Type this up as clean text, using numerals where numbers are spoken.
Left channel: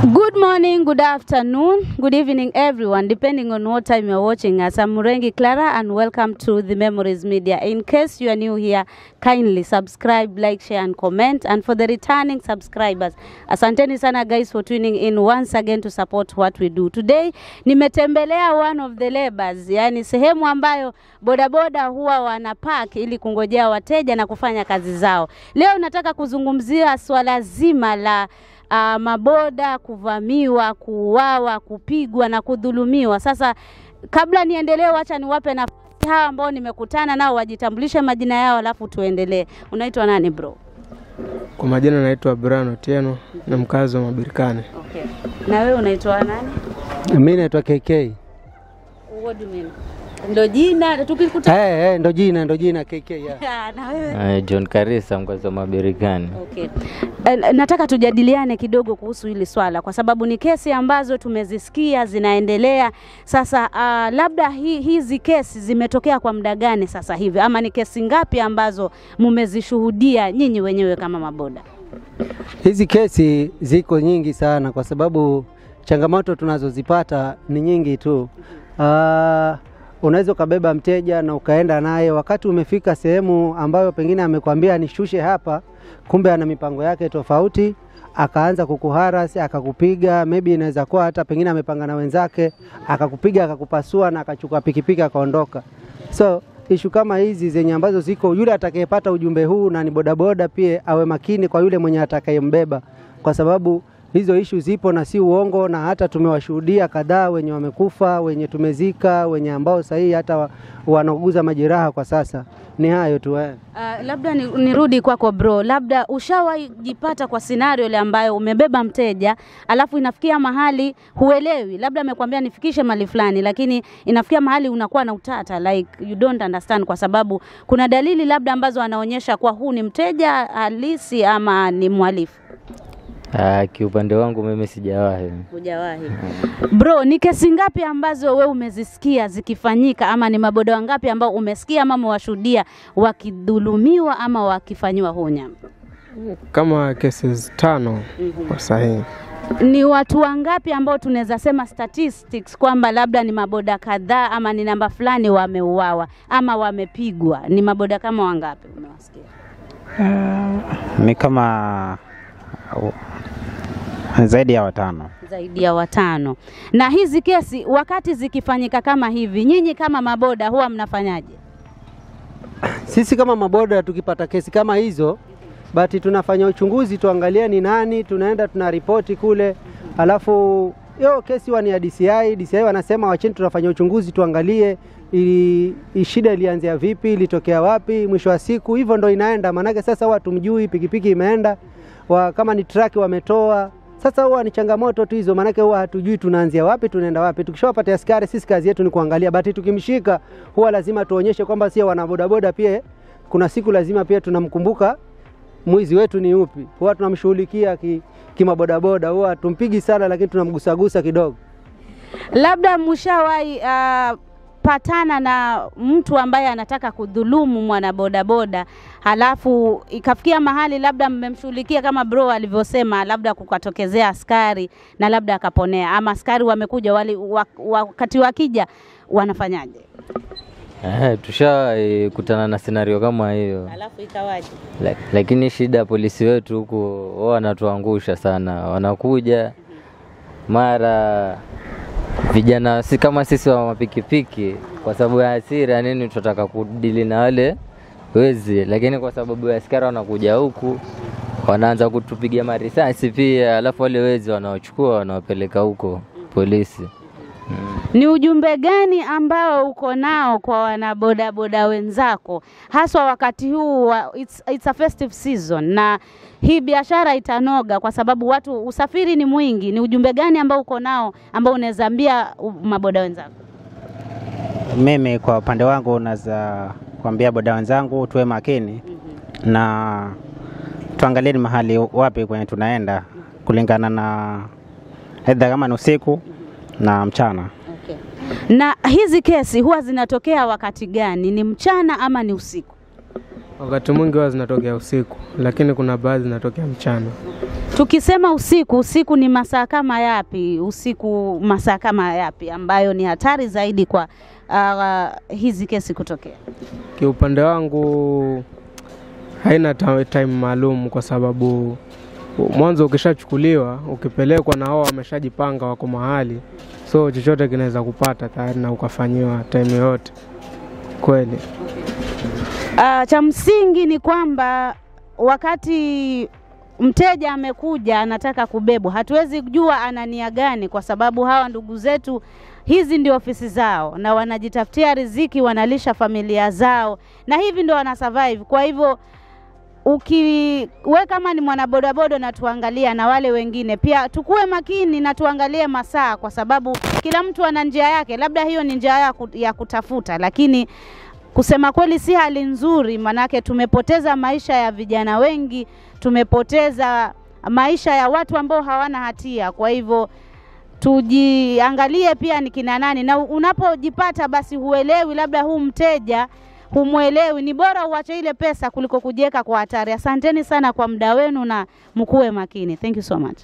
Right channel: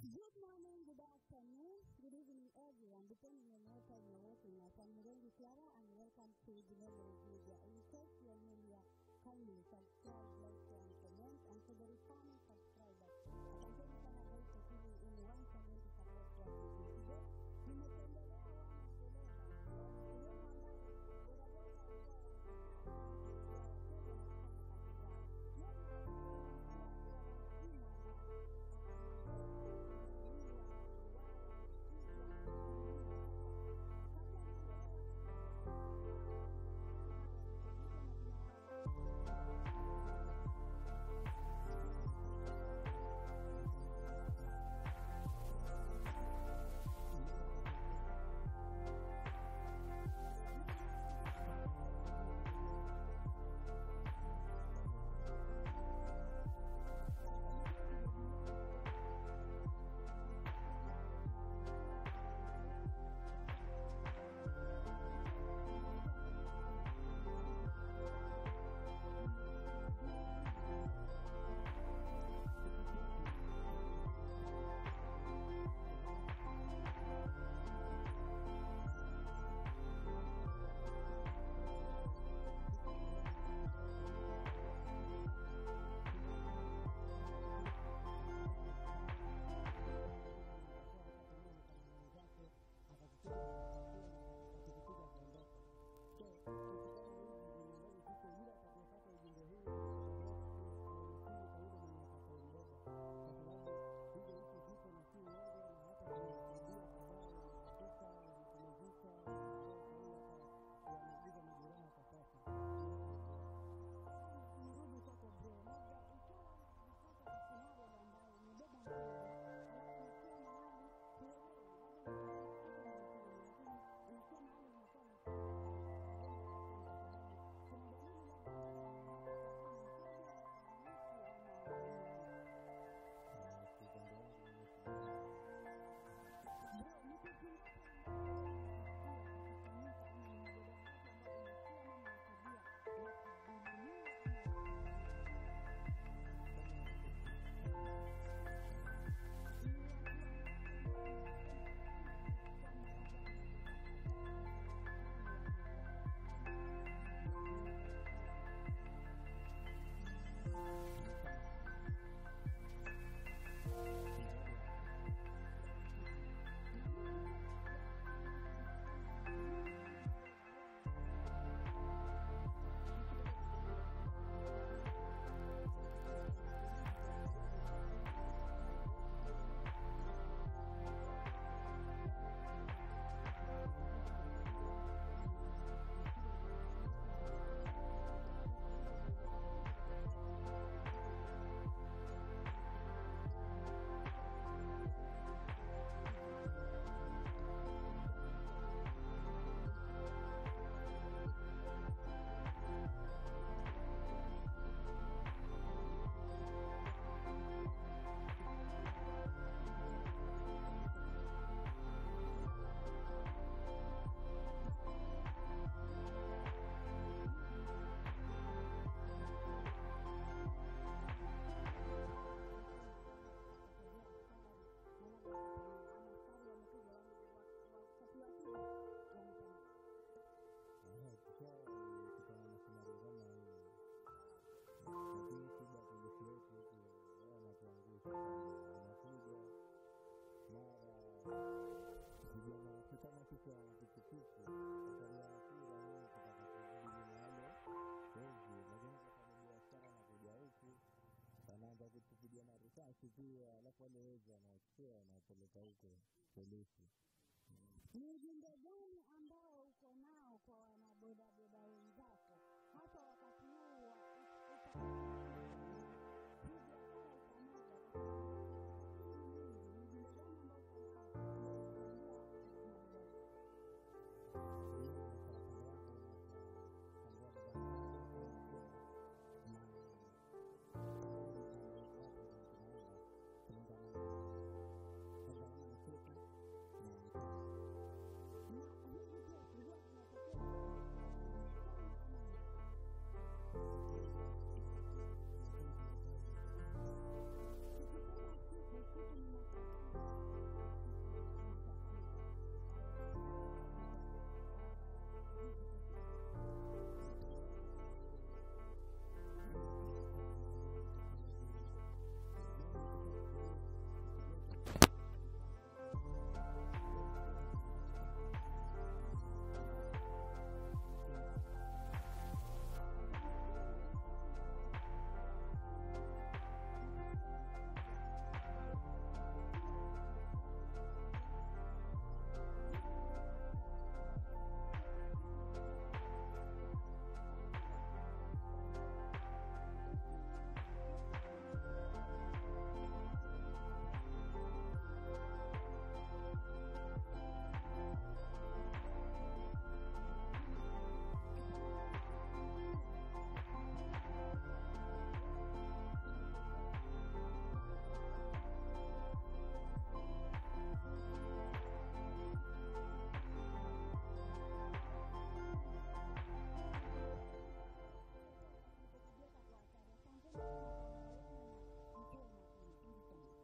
Good morning, good afternoon, good evening everyone, depending on what time you're watching us. I'm Murengi Clara and welcome to the Memories Media. In case you are new here, kindly subscribe, like, share and comment. And for the returning subscribers, asanteni sana guys for tuning in once again to support what we do. Today, nimetembelea one of the labors, yani sehemu ambayo bodaboda huwa wanapark ili kungojea wateja na kufanya kazi zao. Leo nataka kuzungumzia swala zima la maboda kuvamiwa, kuuawa, kupigwa na kudhulumiwa. Sasa kabla niendelee, acha niwape nafasi hawa ambao nimekutana nao wajitambulishe majina yao alafu tuendelee. Unaitwa nani bro? Kwa majina naitwa Brian Otieno na mkazi wa Mabirikani. Okay. Na wewe unaitwa nani? Mimi naitwa KK. What do you mean? Ndo jina tukikuta ndo jina KK ya. Na wewe? John Karisa mkazi wa Mabirikani. Okay. Nataka tujadiliane kidogo kuhusu hili swala kwa sababu ni kesi ambazo tumezisikia zinaendelea. Sasa labda hizi kesi zimetokea kwa muda gani sasa hivi ama ni kesi ngapi ambazo mmezishuhudia nyinyi wenyewe kama maboda? Hizi kesi ziko nyingi sana kwa sababu changamoto tunazozipata ni nyingi tu. Unaweza kubeba mteja na ukaenda naye, wakati umefika sehemu ambayo pengine amekwambia nishushe hapa, kumbe ana mipango yake tofauti, akaanza kukuharasi, akakupiga, maybe inaweza kuwa hata pengine amepanga na wenzake, akakupiga, akakupasua na akachukua pikipiki akaondoka. So issue kama hizi zenye ambazo ziko, yule atakayepata ujumbe huu na ni bodaboda pia awe makini kwa yule mwenye atakayembeba, kwa sababu hizo issue zipo na si uongo, na hata tumewashuhudia kadhaa wenye wamekufa, wenye tumezika, wenye ambao sahihi hata wanaguza majeraha kwa sasa. Ni hayo tu. Labda nirudi kwako bro, labda ushawahi jipata kwa scenario ile ambayo umebeba mteja alafu inafikia mahali huelewi, labda amekwambia nifikishe mali fulani lakini inafikia mahali unakuwa na utata, like you don't understand kwa sababu kuna dalili labda ambazo anaonyesha kwa huu ni mteja halisi ama ni mhalifu? Kiupande wangu mimi sijawahi. Hujawahi. Bro, ni kesi ngapi ambazo wewe umezisikia zikifanyika ama ni maboda wangapi ambao umesikia ama umewashuhudia wakidhulumiwa ama wakifanywa hunya? Kama cases 5 kwa sahihi. Ni watu wangapi ambao tunaweza sema statistics kwamba labda ni maboda kadhaa ama ni namba fulani wameuawa ama wamepigwa? Ni maboda kama wangapi umewasikia? Ni kama zaidi ya 5. Zaidi ya 5. Na hizi kesi wakati zikifanyika kama hivi, nyinyi kama maboda huwa mnafanyaje? Sisi kama maboda tukipata kesi kama hizo, basi tunafanya uchunguzi tuangalie ni nani, tunaenda tunaripoti kule, alafu kesi ni ya DCI wanasema wacheni tunafanya uchunguzi tuangalie shida ilianzia vipi, ilitokea wapi, mwisho wa siku hivyo ndo inaenda. Maana sasa watu mjui pikipiki imeenda, kama ni truck wametoa. Sasa huwa ni changamoto tu hizo, maana huwa hatujui tunaanzia wapi tunaenda wapi. Tukishawapata askari sisi kazi yetu ni kuangalia, basi tukimshika huwa lazima tuonyeshe kwamba sisi wana bodaboda pia kuna siku lazima pia tunamkumbuka mwizi wetu ni upi. Huwa tunamshughulikia kimabodaboda, huwa tumpigi sana lakini tunamgusagusa kidogo. Labda mshawahi patana na mtu ambaye anataka kudhulumu mwana bodaboda halafu ikafikia mahali labda mmemshughulikia kama bro alivyosema, labda kukatokezea askari na labda akaponea ama askari wamekuja wakati wakija wanafanyaje? Kutana na scenario kama hiyo. Halafu ikawaje? Lakini shida polisi wetu huko wao wanatuangusha sana. Wanakuja mara vijana si kama sisi wa mapikipiki, kwa sababu ya hasira nini tunataka kudili na wale wezi, lakini kwa sababu ya askari wanakuja huku wanaanza kutupigia marisasi pia, alafu wale wezi wanaochukua wanawapeleka huko polisi. Ni ujumbe gani ambao uko nao kwa wanabodaboda wenzako haswa wakati huu it's a festive season na hii biashara itanoga kwa sababu usafiri ni mwingi? Ni ujumbe gani ambao uko nao ambao unaweza ambia maboda wenzako? Mimi kwa upande wangu naweza kuambia boda wenzangu tuwe makini na tuangalie ni mahali wapi kwenye tunaenda kulingana na aidha kama ni usiku na mchana. Okay. Na hizi kesi huwa zinatokea wakati gani? Ni mchana ama ni usiku? Wakati mwingi huwa zinatokea usiku, lakini kuna baadhi zinatokea mchana. Tukisema usiku ni masaa kama yapi? Usiku masaa kama yapi ambayo ni hatari zaidi kwa hizi kesi kutokea? Kiupande wangu haina time maalum, kwa sababu mwanzo ukishachukuliwa, ukipelekwa na hao wameshajipanga wako mahali, so chochote kinaweza kupata tayari na ukafanyiwa time yote. Kweli. Cha msingi ni kwamba wakati mteja amekuja anataka kubebwa, hatuwezi kujua ana nia gani, kwa sababu hawa ndugu zetu hizi ndio ofisi zao na wanajitafutia riziki, wanalisha familia zao na hivi ndio wana survive. Kwa hivyo ukiwe kama ni mwanabodaboda na tuangalia na wale wengine pia tukue makini na tuangalie masaa, kwa sababu kila mtu ana njia yake. Labda hiyo ni njia ya kutafuta, lakini kusema kweli si hali nzuri, manake tumepoteza maisha ya vijana wengi, tumepoteza maisha ya watu ambao hawana hatia. Kwa hivyo tujiangalie pia ni kina nani, na unapojipata basi huelewi labda huu mteja humuelewi, ni bora uache ile pesa kuliko kujiweka kwa hatari. Asanteni sana kwa muda wenu na mkuwe makini. Thank you so much.